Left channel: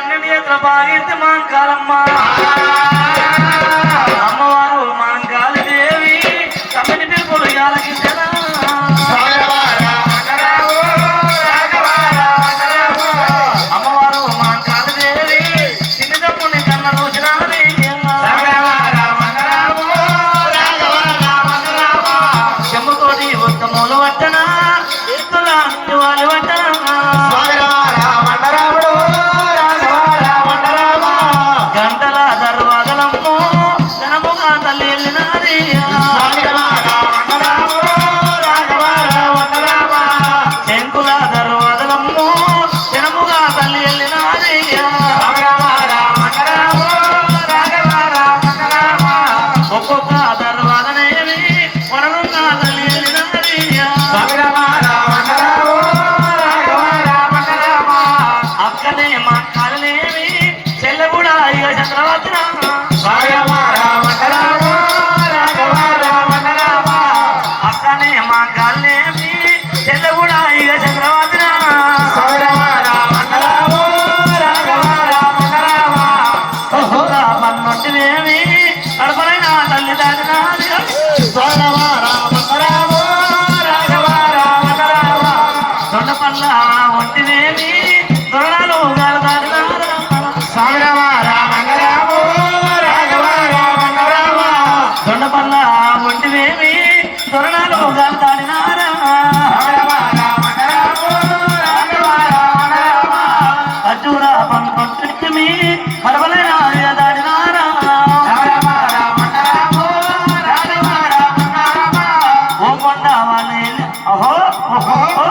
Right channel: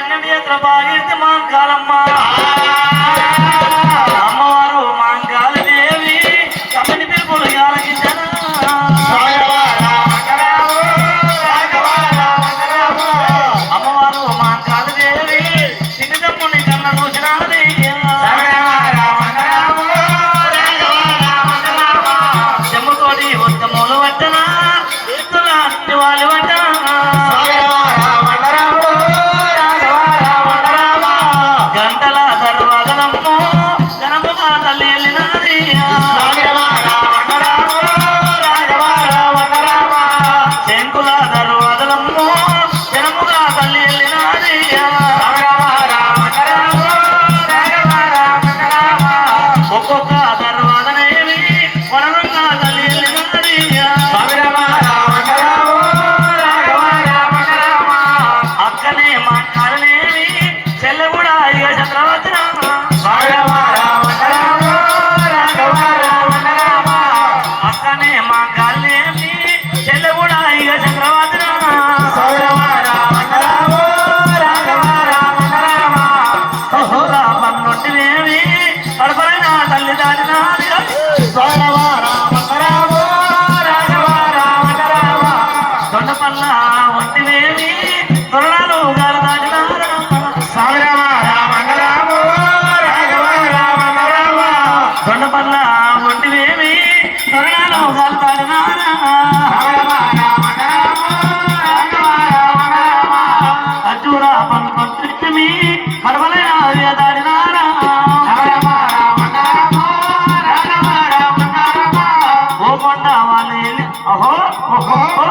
అన్నిటి కృపాకీర్తి మాన్ కాలమ్మ అమ్మవారు రామ অহো অহো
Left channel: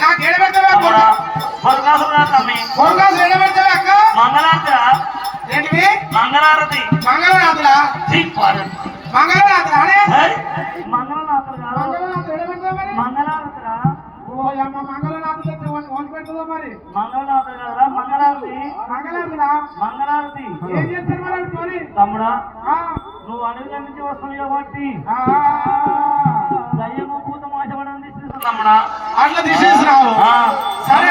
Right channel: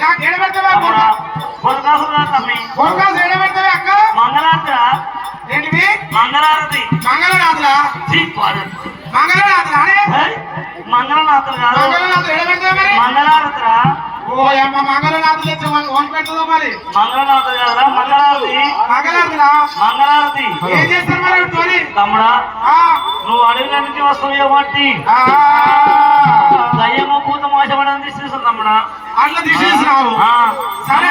నాకు ఎడబెడతావా కొరకాసురా తమ్మి అక్క మంగళారతి. మంగళారతి మంగళనాథురా మంగళనాథురా మంగళనాథులు కాదు. మంగళనాథులు ఎడబెడతావా మరి? మంగళారతిరా? ఓ నువ్వు అడవి నుంచి వస్తావు ఒకటి దయ్యమో భూతమో ఆశపడని తీసేసాం అమ్మడా అట్లా తీసేసి సరే.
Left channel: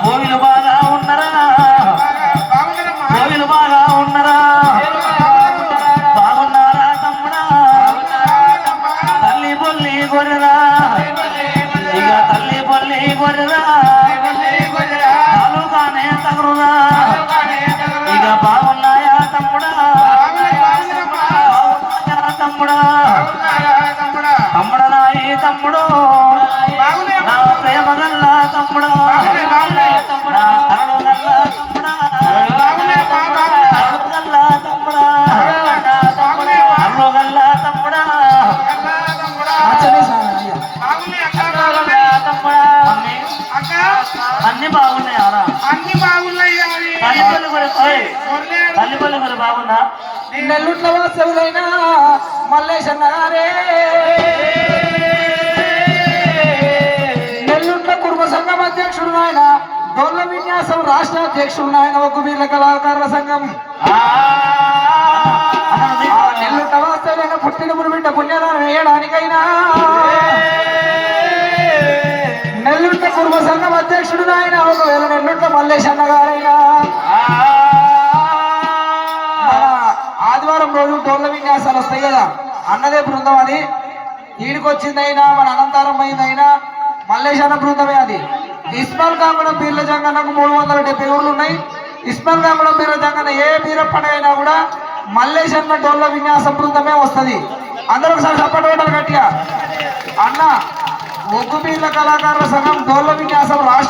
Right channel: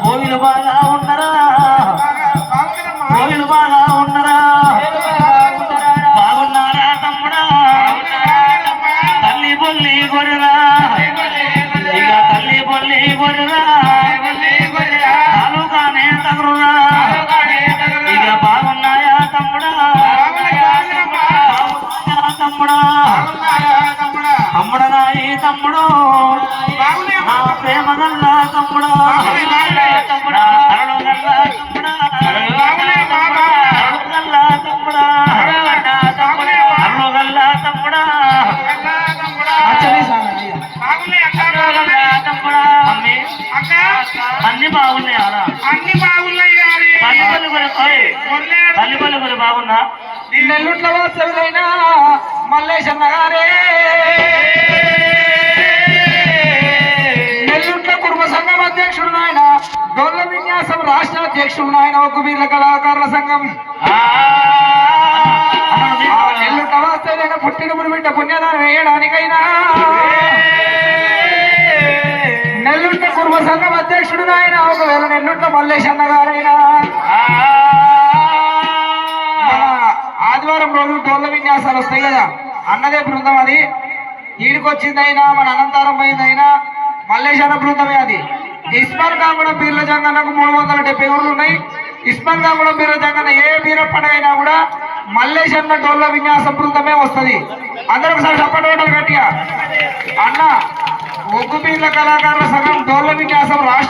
భోగిలు బాగా ఉన్నరా? భోగిలు బాగా ఉన్నారా? బాగున్నారా తమ్ముడా? తల్లి బొల్లి గొర్రెరా? ఇక తల్లి బొల్లి గొర్రెరా? బాలుగానే తగురురా? ఇక బాగున్నాయా తమ్ముడా? తమ్ముడా? తమ్ముడరాయి తమ్ముడు నా తమ్ముడా? అన్ని బాగున్నాయి ఆరా అన్ని బాగున్నాయి పలుకురు ఓయ్, తల్లి పలుకురు బాగుందా నెల్లుట్ల వాసవులైన మల్లేశన్న గారే నెల్లుట్ల కుటుంబ సంఘం అధ్యక్షుడు నాయన డొల్ల విన్యాసం రాష్ట్ర అధ్యక్షుడు నాయన ఒక వీళ్ళ కళాకారుల సంఘం నెల్లుట్ల వాసవులైన పుట్టిన బిడ్డ పుణ్యదానం వేయడానికైనా సంఘం అధ్యక్షుడు ఆయన ఒకవేళ నిన్నుంట మల్లేష్ అన్నగారైనా ఆదివారం రోజు టోర్ల విన్యాసాలు వస్తాయి కదా. అన్నదే బృందం అది. ఈడికొచ్చిందైనా మన అనంతరం పోయిందైనా మల్లేశాన బృందమే అది. ఇస్మాల్ కాంగుడం బీర్ల జంగన్నకు మూడు వందల డెబ్బై ఊర్లు ఉన్నాయి. ఇస్మాల్ కాంగుడం బీర్ల జంగన్న ఏ బీర పండుగ అయినా కూడా అన్న టోర్ల విన్యాస బృందమే వస్తుంది. అందరూ ఒకసారి చప్పటి గట్టిగా. అన్న ఒగ్గుపీర్ల కళాకారుల సంఘం డోర్ల విన్యాసం రాష్ట్ర